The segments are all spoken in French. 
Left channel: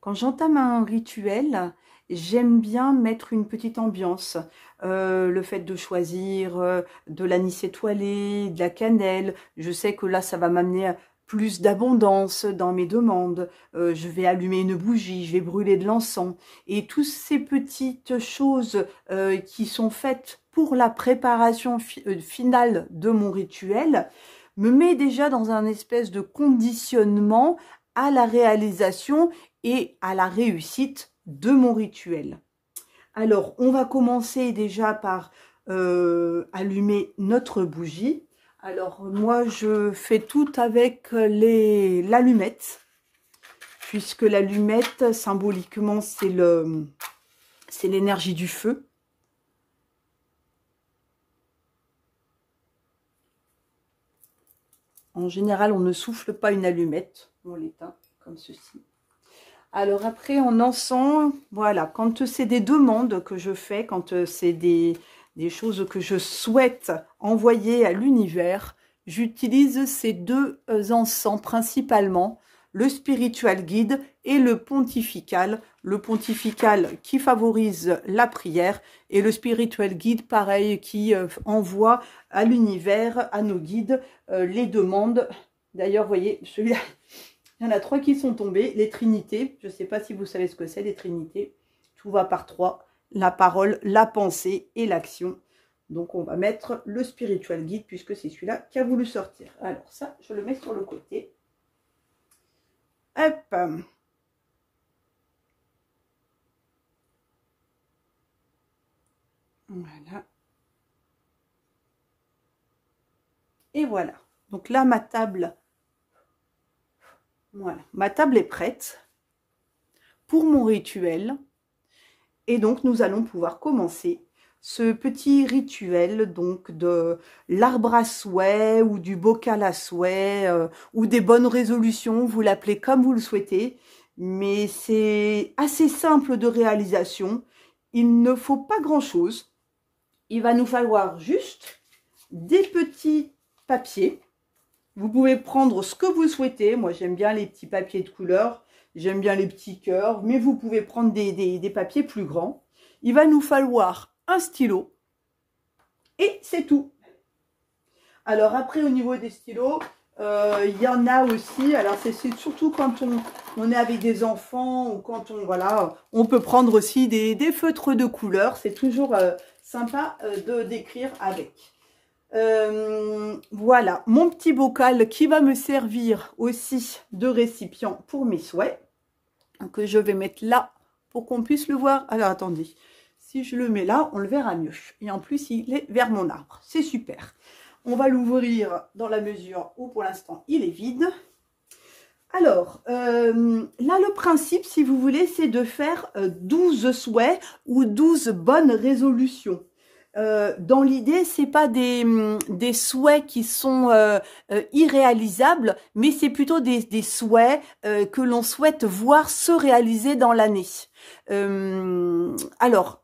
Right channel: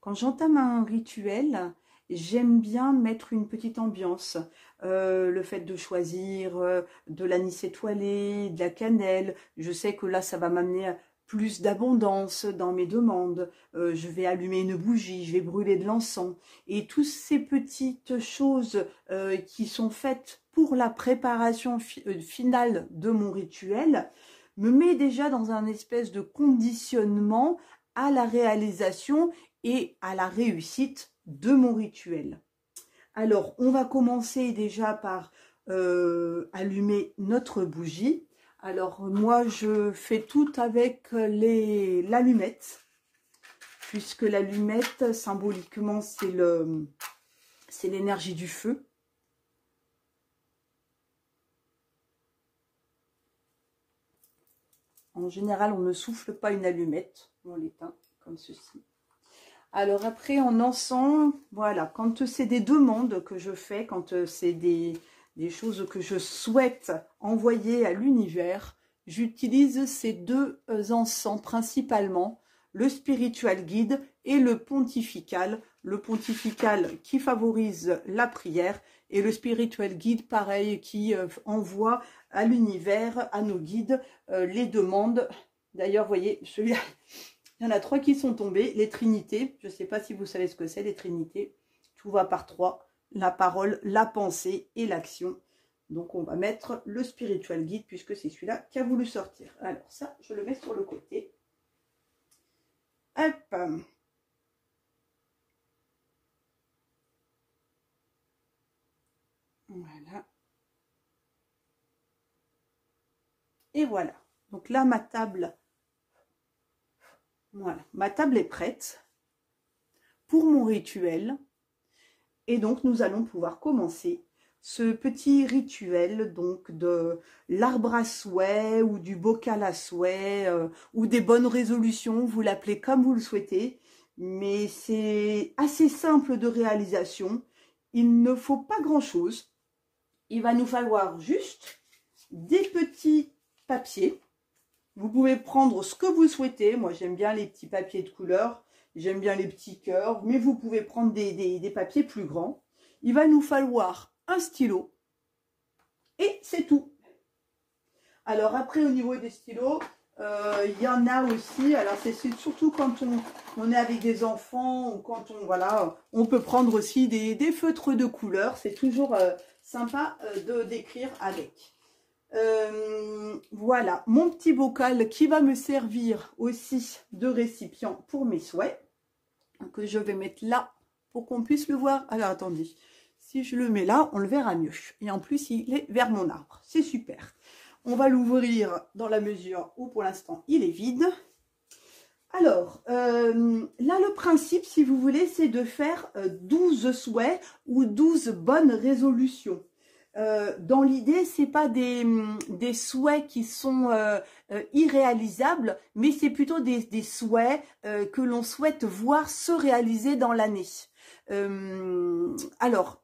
Quand j'entame un rituel, j'aime bien mettre une petite ambiance. Le fait de choisir de l'anis étoilé, de la cannelle, je sais que là, ça va m'amener à plus d'abondance dans mes demandes. Je vais allumer une bougie, je vais brûler de l'encens. Et toutes ces petites choses qui sont faites pour la préparation finale de mon rituel me met déjà dans un espèce de conditionnement à la réalisation et à la réussite de mon rituel. Alors, on va commencer déjà par allumer notre bougie. Alors, moi, je fais tout avec l'allumette, puisque l'allumette, symboliquement, c'est l'énergie du feu. En général, on ne souffle pas une allumette, on l'éteint comme ceci. Alors après, en encens, voilà, quand c'est des demandes que je fais, quand c'est des choses que je souhaite envoyer à l'univers, j'utilise ces deux encens principalement, le spiritual guide et le pontifical. Le pontifical qui favorise la prière et le spiritual guide, pareil, qui envoie à l'univers, à nos guides, les demandes. D'ailleurs, vous voyez, celui-là, il y en a 3 qui sont tombés. Les trinités, je ne sais pas si vous savez ce que c'est, les trinités. Tout va par 3, la parole, la pensée et l'action. Donc, on va mettre le spiritual guide, puisque c'est celui-là qui a voulu sortir. Alors, ça, je le mets sur le côté. Hop. Voilà. Et voilà. Donc là, ma table, voilà, ma table est prête pour mon rituel. Et donc, nous allons pouvoir commencer ce petit rituel donc de l'arbre à souhait ou du bocal à souhait ou des bonnes résolutions, vous l'appelez comme vous le souhaitez. Mais c'est assez simple de réalisation. Il ne faut pas grand-chose. Il va nous falloir juste des petits papiers. Vous pouvez prendre ce que vous souhaitez. Moi, j'aime bien les petits papiers de couleur. J'aime bien les petits cœurs. Mais vous pouvez prendre des papiers plus grands. Il va nous falloir un stylo. Et c'est tout. Alors après, au niveau des stylos, il y en a aussi. Alors, c'est surtout quand on est avec des enfants ou quand on peut prendre aussi des feutres de couleur. C'est toujours sympa d'écrire avec. Voilà, mon petit bocal qui va me servir aussi de récipient pour mes souhaits, que je vais mettre là pour qu'on puisse le voir. Alors, attendez, si je le mets là, on le verra mieux. Et en plus, il est vers mon arbre. C'est super. On va l'ouvrir dans la mesure où, pour l'instant, il est vide. Alors, là, le principe, si vous voulez, c'est de faire 12 souhaits ou 12 bonnes résolutions. Dans l'idée, c'est pas des souhaits qui sont irréalisables, mais c'est plutôt des souhaits que l'on souhaite voir se réaliser dans l'année. Alors,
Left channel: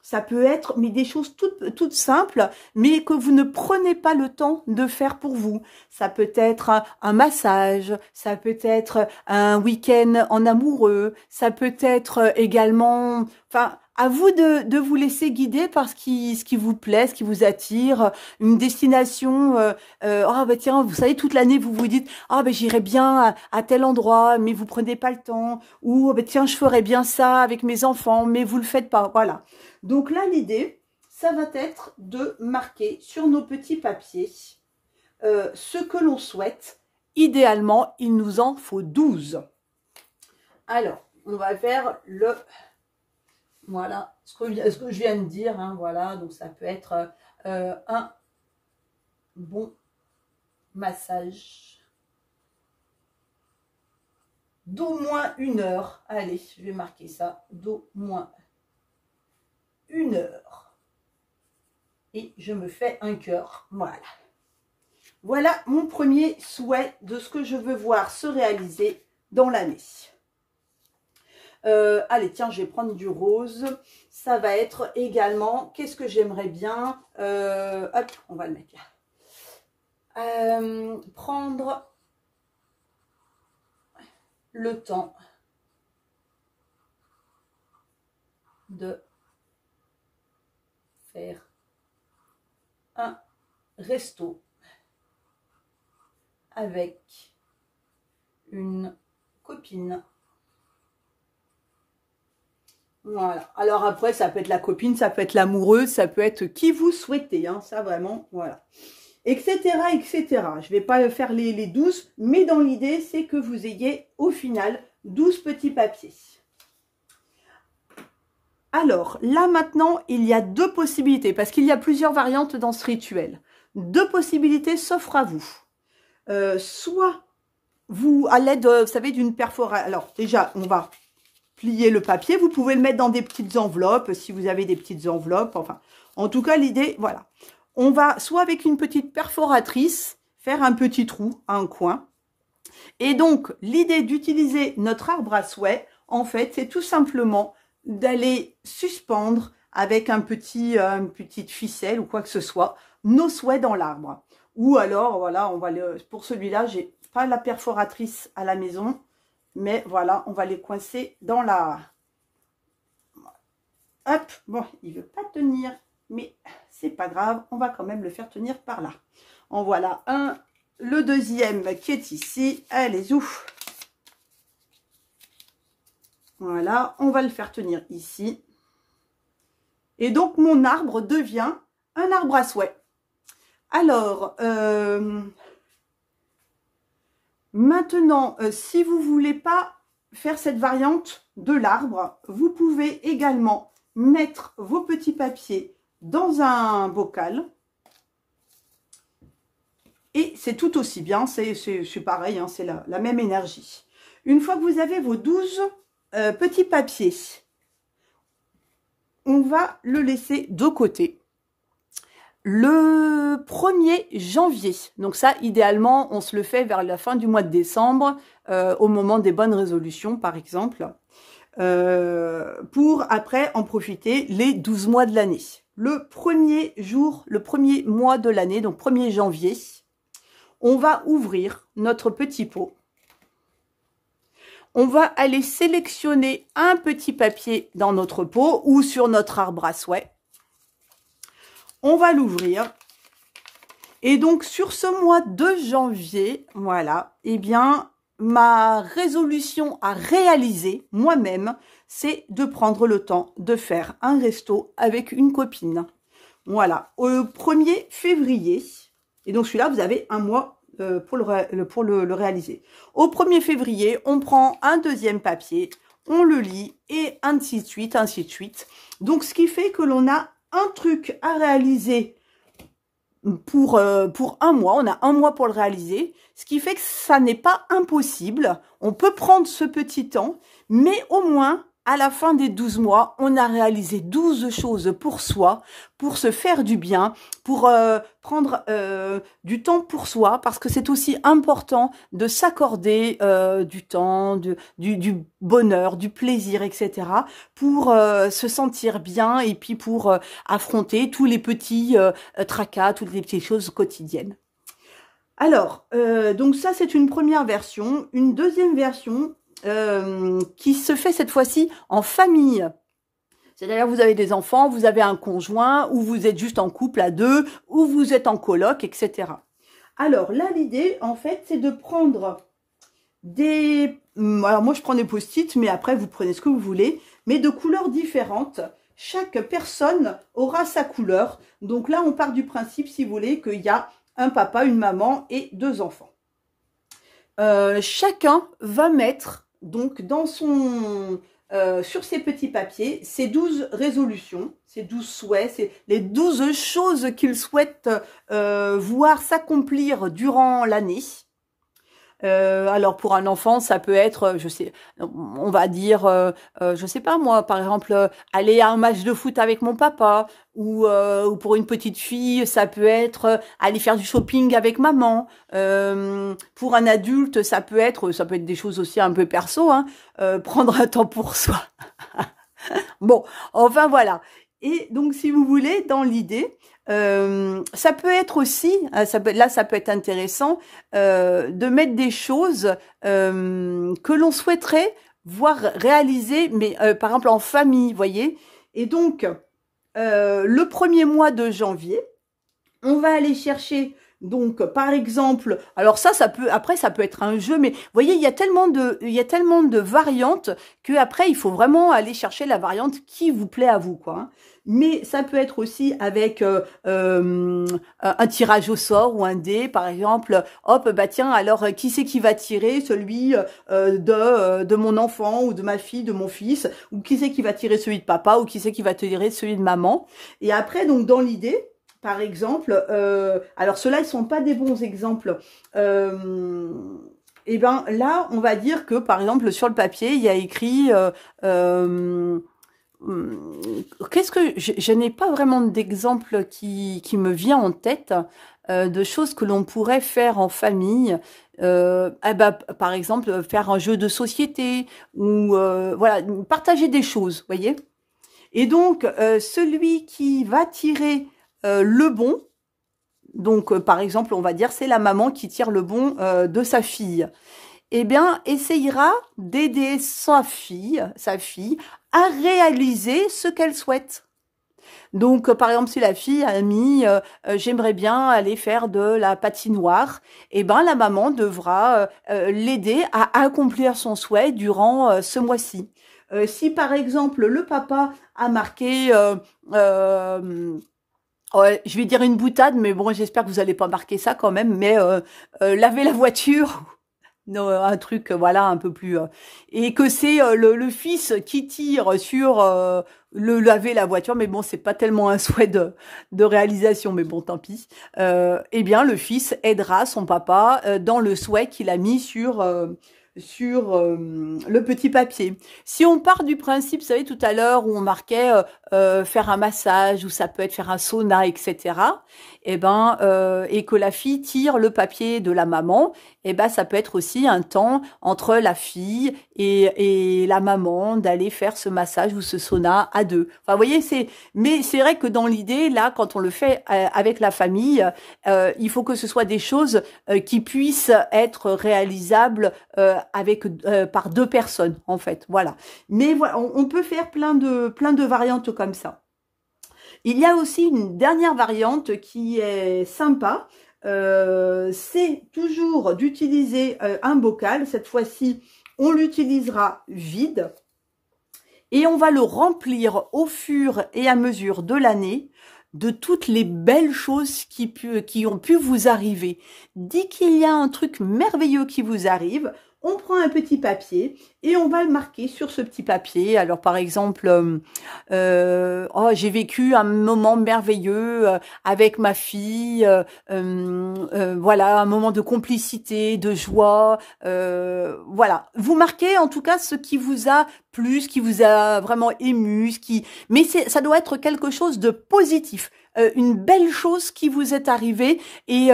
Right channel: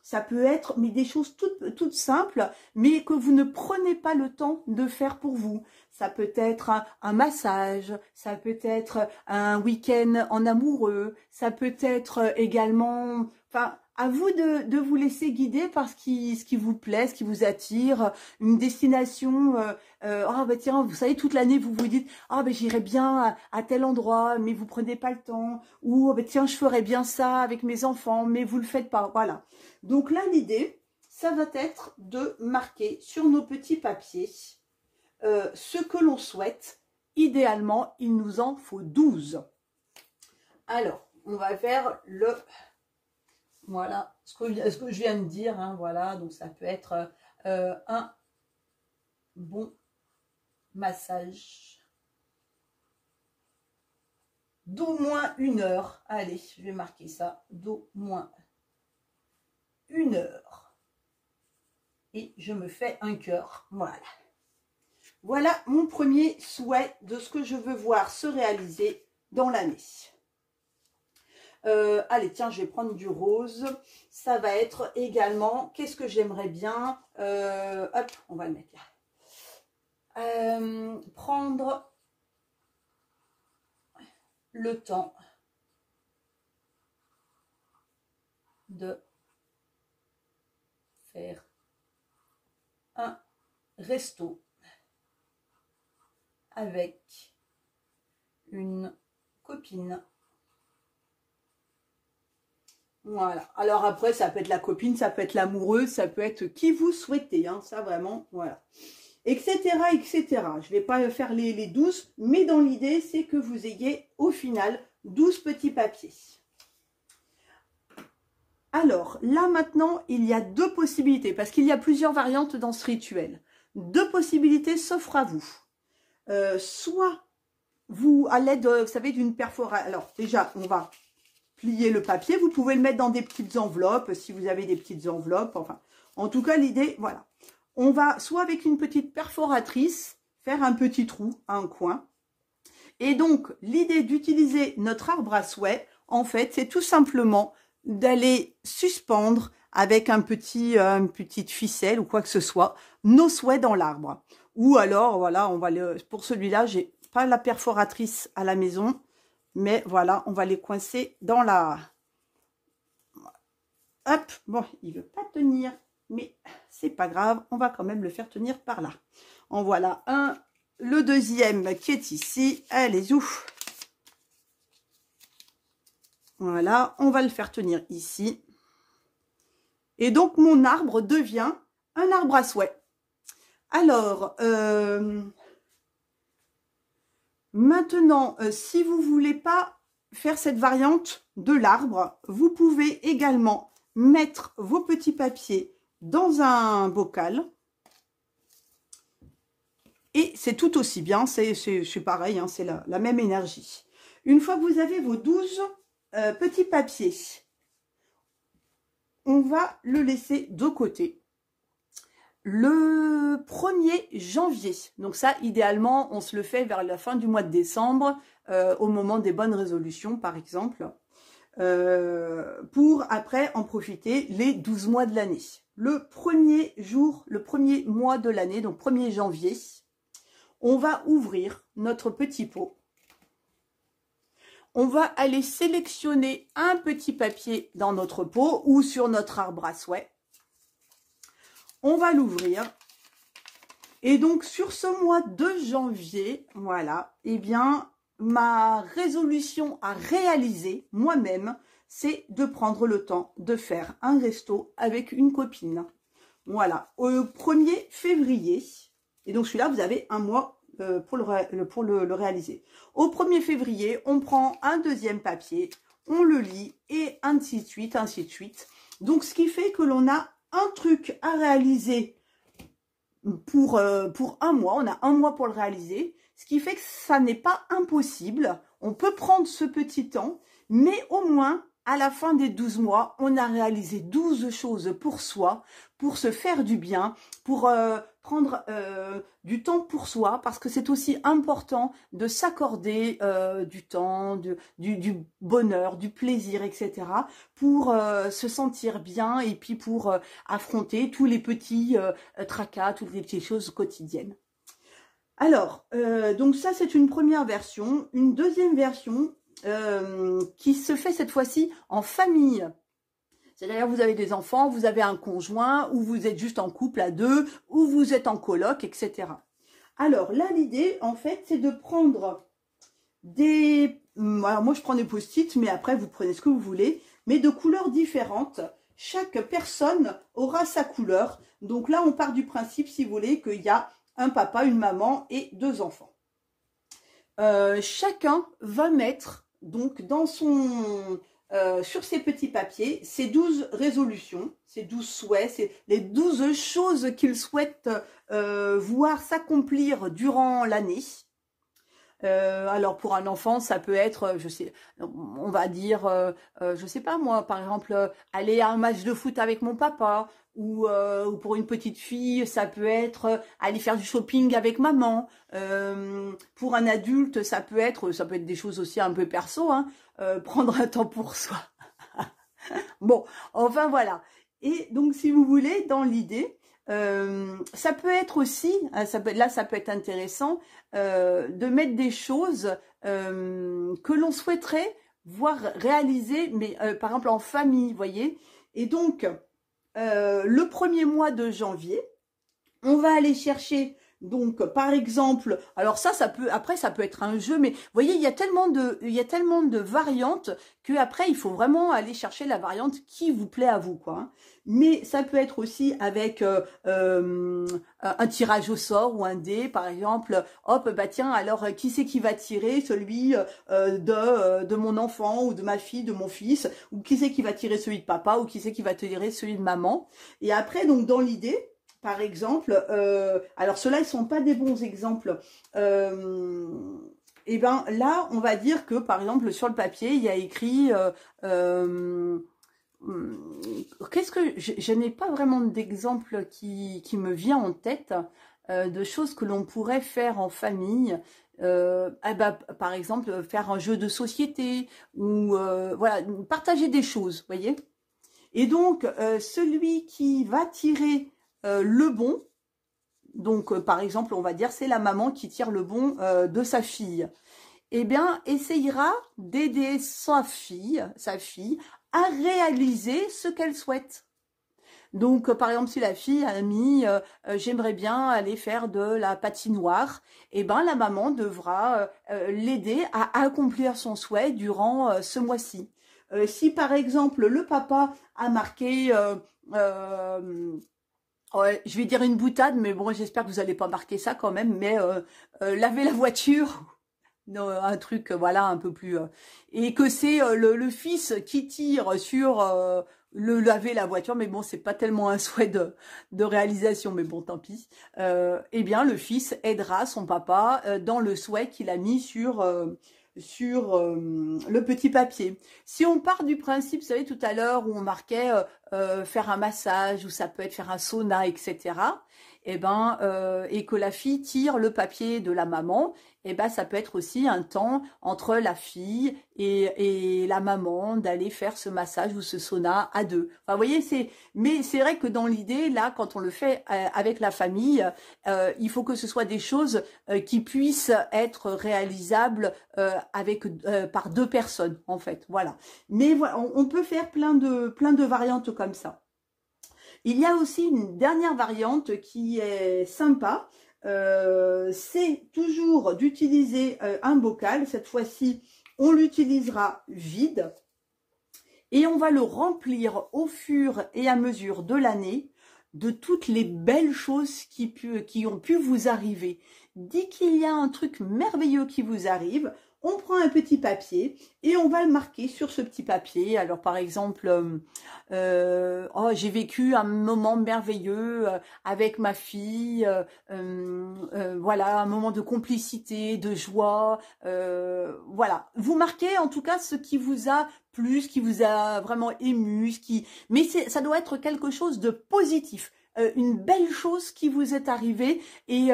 ça peut être mais des choses toutes simples, mais que vous ne prenez pas le temps de faire pour vous. Ça peut être un massage, ça peut être un week-end en amoureux, ça peut être également... Enfin, à vous de vous laisser guider par ce qui vous plaît, ce qui vous attire, une destination. Ah bah tiens, vous savez, toute l'année, vous vous dites, ah bah j'irai bien à tel endroit, mais vous prenez pas le temps. Ou bah tiens, je ferais bien ça avec mes enfants, mais vous le faites pas. Voilà. Donc là, l'idée, ça va être de marquer sur nos petits papiers ce que l'on souhaite. Idéalement, il nous en faut 12. Alors, on va faire le... Voilà, ce que je viens de dire. Hein, voilà, donc ça peut être un bon massage d'au moins 1 heure. Allez, je vais marquer ça, d'au moins 1 heure. Et je me fais un cœur. Voilà. Voilà mon premier souhait de ce que je veux voir se réaliser dans l'année. Allez, tiens, je vais prendre du rose. Ça va être également, qu'est-ce que j'aimerais bien hop, on va le mettre là. Prendre le temps de faire un resto avec une copine. Voilà. Alors après, ça peut être la copine, ça peut être l'amoureuse, ça peut être qui vous souhaitez, hein, ça vraiment, voilà. Etc., etc. Je ne vais pas faire les 12, mais dans l'idée, c'est que vous ayez au final 12 petits papiers. Alors, là maintenant, il y a deux possibilités, parce qu'il y a plusieurs variantes dans ce rituel. Deux possibilités s'offrent à vous. Soit vous, à l'aide, vous savez, d'une perforation. Alors, déjà, on va plier le papier. Vous pouvez le mettre dans des petites enveloppes, si vous avez des petites enveloppes. Enfin, en tout cas, l'idée, voilà. On va, soit avec une petite perforatrice, faire un petit trou à un coin. Et donc, l'idée d'utiliser notre arbre à souhait, en fait, c'est tout simplement d'aller suspendre avec une petite ficelle ou quoi que ce soit, nos souhaits dans l'arbre. Ou alors, voilà, on va pour celui-là, j'ai pas la perforatrice à la maison, mais voilà, on va les coincer dans la... Hop, bon, il veut pas tenir, mais c'est pas grave, on va quand même le faire tenir par là. En voilà un, le deuxième qui est ici, allez, ouf. Voilà, on va le faire tenir ici. Et donc, mon arbre devient un arbre à souhait. Alors, maintenant, si vous ne voulez pas faire cette variante de l'arbre, vous pouvez également mettre vos petits papiers dans un bocal. Et c'est tout aussi bien, c'est pareil, hein, c'est la même énergie. Une fois que vous avez vos 12 petits papiers, on va le laisser de côté. Le 1er janvier, donc ça, idéalement, on se le fait vers la fin du mois de décembre, au moment des bonnes résolutions, par exemple, pour après en profiter les 12 mois de l'année. Le premier jour, le premier mois de l'année, donc 1er janvier, on va ouvrir notre petit pot. On va aller sélectionner un petit papier dans notre pot ou sur notre arbre à souhait. On va l'ouvrir. Et donc, sur ce mois de janvier, voilà, eh bien, ma résolution à réaliser moi-même, c'est de prendre le temps de faire un resto avec une copine. Voilà, au 1er février. Et donc, celui-là, vous avez un mois pour le réaliser. Au 1er février, on prend un deuxième papier, on le lit et ainsi de suite, ainsi de suite. Donc, ce qui fait que l'on a un truc à réaliser pour un mois. On a un mois pour le réaliser, ce qui fait que ça n'est pas impossible. On peut prendre ce petit temps, mais au moins, à la fin des 12 mois, on a réalisé 12 choses pour soi, pour se faire du bien, pour prendre du temps pour soi, parce que c'est aussi important de s'accorder du temps, du bonheur, du plaisir, etc., pour se sentir bien et puis pour affronter tous les petits tracas, toutes les petites choses quotidiennes. Alors, donc ça, c'est une première version. Une deuxième version qui se fait cette fois-ci en famille. C'est-à-dire, vous avez des enfants, vous avez un conjoint, ou vous êtes juste en couple à deux, ou vous êtes en coloc, etc. Alors là, l'idée, en fait, c'est de prendre des... Alors moi, je prends des post-it, mais après, vous prenez ce que vous voulez, mais de couleurs différentes. Chaque personne aura sa couleur. Donc là, on part du principe, si vous voulez, qu'il y a un papa, une maman et 2 enfants. Chacun va mettre donc dans son... sur ces petits papiers, ces 12 résolutions, ces 12 souhaits, c'est les 12 choses qu'il souhaite voir s'accomplir durant l'année. Alors pour un enfant, ça peut être, je sais, on va dire, je sais pas moi, par exemple, aller à un match de foot avec mon papa, ou pour une petite fille, ça peut être aller faire du shopping avec maman. Pour un adulte, ça peut être des choses aussi un peu perso, hein, prendre un temps pour soi. Bon, enfin voilà. Et donc si vous voulez, dans l'idée, ça peut être aussi, ça peut être intéressant de mettre des choses que l'on souhaiterait voir réaliser, mais par exemple en famille, vous voyez, Et donc, le premier mois de janvier, on va aller chercher, donc, par exemple, alors ça peut, après, ça peut être un jeu, mais vous voyez, il y a tellement de variantes que après, il faut vraiment aller chercher la variante qui vous plaît à vous, quoi. Hein. Mais ça peut être aussi avec un tirage au sort ou un dé, par exemple. Hop, bah tiens, alors qui c'est qui va tirer? Celui de mon enfant ou de ma fille, de mon fils, ou qui c'est qui va tirer celui de papa, ou qui c'est qui va tirer celui de maman. Et après, donc, dans l'idée, par exemple, alors ceux-là, ils sont pas des bons exemples. Et ben là, on va dire que, par exemple, sur le papier, il y a écrit... qu'est-ce que... Je n'ai pas vraiment d'exemple qui me vient en tête de choses que l'on pourrait faire en famille. Eh ben, par exemple, faire un jeu de société ou voilà, partager des choses, voyez. Et donc, celui qui va tirer le bon, donc par exemple, on va dire c'est la maman qui tire le bon de sa fille, eh bien, essayera d'aider sa fille à réaliser ce qu'elle souhaite. Donc, par exemple, si la fille a mis j'aimerais bien aller faire de la patinoire, eh ben la maman devra l'aider à accomplir son souhait durant ce mois-ci. Si par exemple le papa a marqué ouais, je vais dire une boutade, mais bon, j'espère que vous n'allez pas marquer ça quand même, mais laver la voiture, non, un truc, voilà, un peu plus... et que c'est le fils qui tire sur le laver la voiture, mais bon, c'est pas tellement un souhait de réalisation, mais bon, tant pis. Eh bien, le fils aidera son papa dans le souhait qu'il a mis sur le petit papier. Si on part du principe, vous savez, tout à l'heure, où on marquait faire un massage, ou ça peut être faire un sauna, etc., eh ben, et que la fille tire le papier de la maman, eh ben, ça peut être aussi un temps entre la fille et la maman d'aller faire ce massage ou ce sauna à deux. Enfin, vous voyez, mais c'est vrai que dans l'idée, là, quand on le fait avec la famille, il faut que ce soit des choses qui puissent être réalisables par deux personnes, en fait. Voilà. Mais voilà, on peut faire plein de variantes comme ça. Il y a aussi une dernière variante qui est sympa. C'est toujours d'utiliser un bocal. Cette fois-ci, on l'utilisera vide. Et on va le remplir au fur et à mesure de l'année de toutes les belles choses qui ont pu vous arriver. Dès qu'il y a un truc merveilleux qui vous arrive, on prend un petit papier et on va le marquer sur ce petit papier. Alors par exemple, oh, j'ai vécu un moment merveilleux avec ma fille, voilà, un moment de complicité, de joie, voilà. Vous marquez en tout cas ce qui vous a plu, ce qui vous a vraiment ému, mais ça doit être quelque chose de positif. Une belle chose qui vous est arrivée et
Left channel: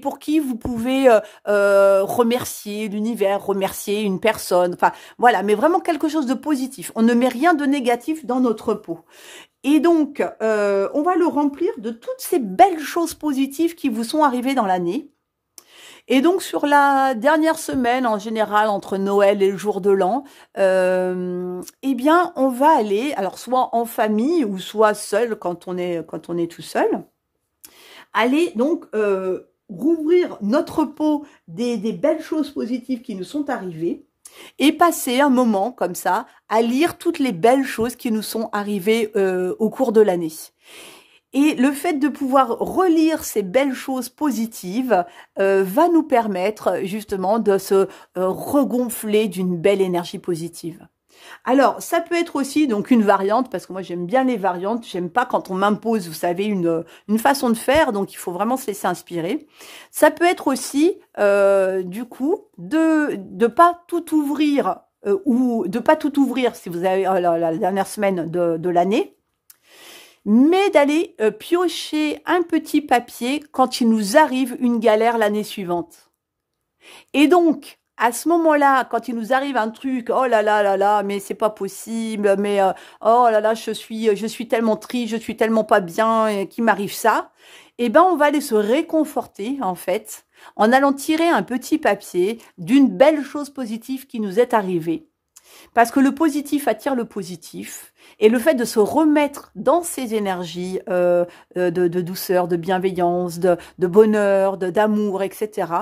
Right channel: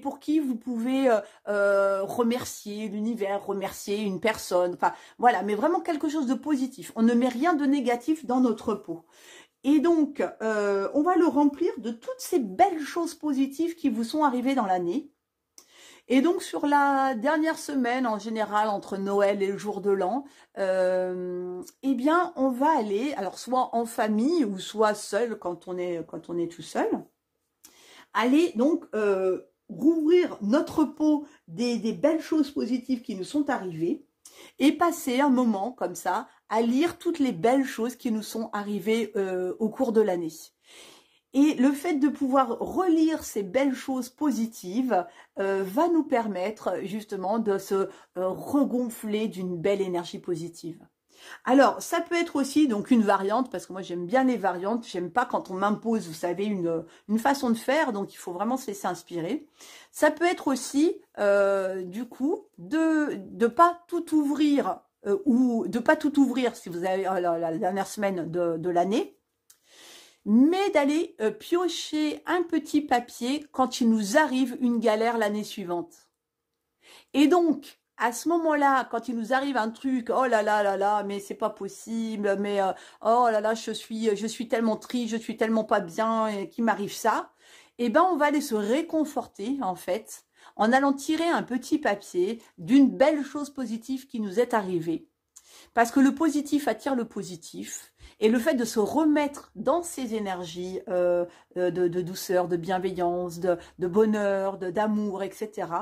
pour qui vous pouvez remercier l'univers, remercier une personne, enfin voilà, mais vraiment quelque chose de positif. On ne met rien de négatif dans notre pot. Et donc, on va le remplir de toutes ces belles choses positives qui vous sont arrivées dans l'année. Et donc, sur la dernière semaine, en général, entre Noël et le jour de l'an, eh bien, on va aller, alors soit en famille ou soit seul quand on est tout seul, aller donc rouvrir notre pot des belles choses positives qui nous sont arrivées et passer un moment comme ça à lire toutes les belles choses qui nous sont arrivées au cours de l'année. Et le fait de pouvoir relire ces belles choses positives va nous permettre justement de se regonfler d'une belle énergie positive. Alors, ça peut être aussi donc une variante, parce que moi j'aime bien les variantes, j'aime pas quand on m'impose, vous savez, une façon de faire, donc il faut vraiment se laisser inspirer. Ça peut être aussi, du coup, de pas tout ouvrir, ou de pas tout ouvrir si vous avez la dernière semaine de l'année, mais d'aller piocher un petit papier quand il nous arrive une galère l'année suivante. Et donc, à ce moment-là, quand il nous arrive un truc, oh là là là là, mais c'est pas possible, mais oh là là, je suis tellement triste, je suis tellement pas bien, qu'il m'arrive ça, eh ben on va aller se réconforter en fait, en allant tirer un petit papier d'une belle chose positive qui nous est arrivée. Parce que le positif attire le positif. Et le fait de se remettre dans ces énergies de douceur, de bienveillance, de bonheur, d'amour, etc.,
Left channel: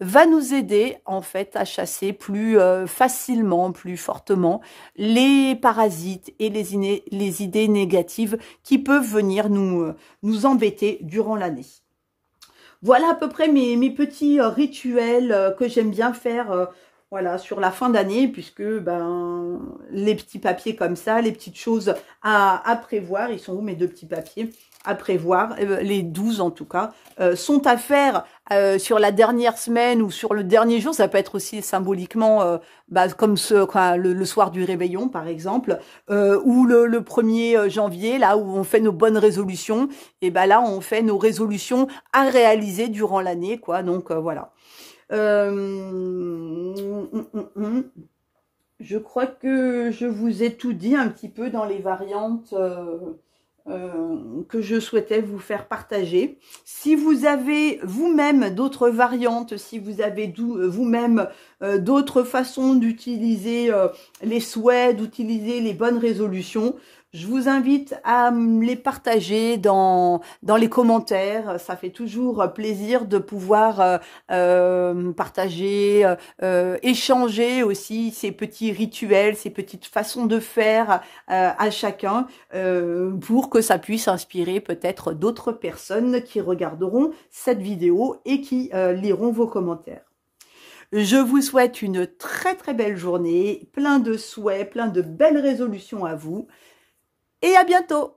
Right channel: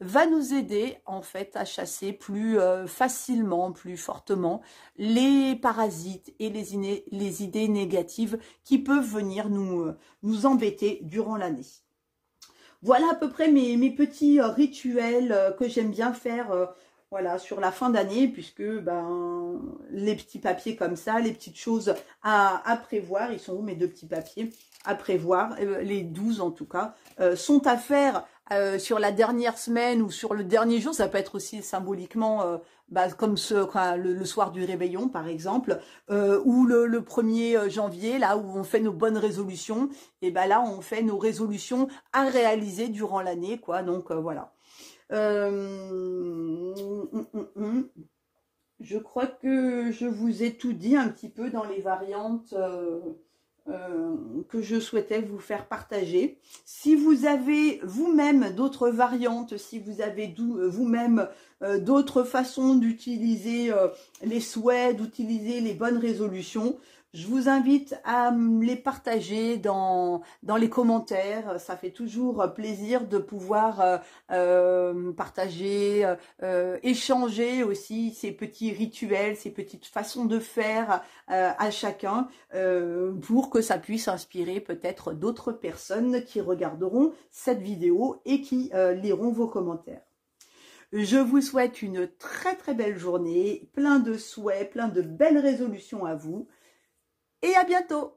va nous aider en fait à chasser plus facilement, plus fortement les parasites et les idées négatives qui peuvent venir nous embêter durant l'année. Voilà à peu près mes petits rituels que j'aime bien faire voilà, sur la fin d'année, puisque ben, les petits papiers comme ça, les petites choses à prévoir, ils sont où mes deux petits papiers à prévoir, les 12 en tout cas, sont à faire sur la dernière semaine ou sur le dernier jour. Ça peut être aussi symboliquement comme le soir du réveillon par exemple, ou le 1er janvier, là où on fait nos bonnes résolutions, et ben là on fait nos résolutions à réaliser durant l'année, quoi. Donc voilà. Je crois que je vous ai tout dit un petit peu dans les variantes que je souhaitais vous faire partager. Si vous avez vous-même d'autres variantes, si vous avez vous-même d'autres façons d'utiliser les souhaits, d'utiliser les bonnes résolutions, je vous invite à les partager dans les commentaires. Ça fait toujours plaisir de pouvoir partager, échanger aussi ces petits rituels, ces petites façons de faire à chacun pour que ça puisse inspirer peut-être d'autres personnes qui regarderont cette vidéo et qui liront vos commentaires. Je vous souhaite une très très belle journée, plein de souhaits, plein de belles résolutions à vous. Et à bientôt!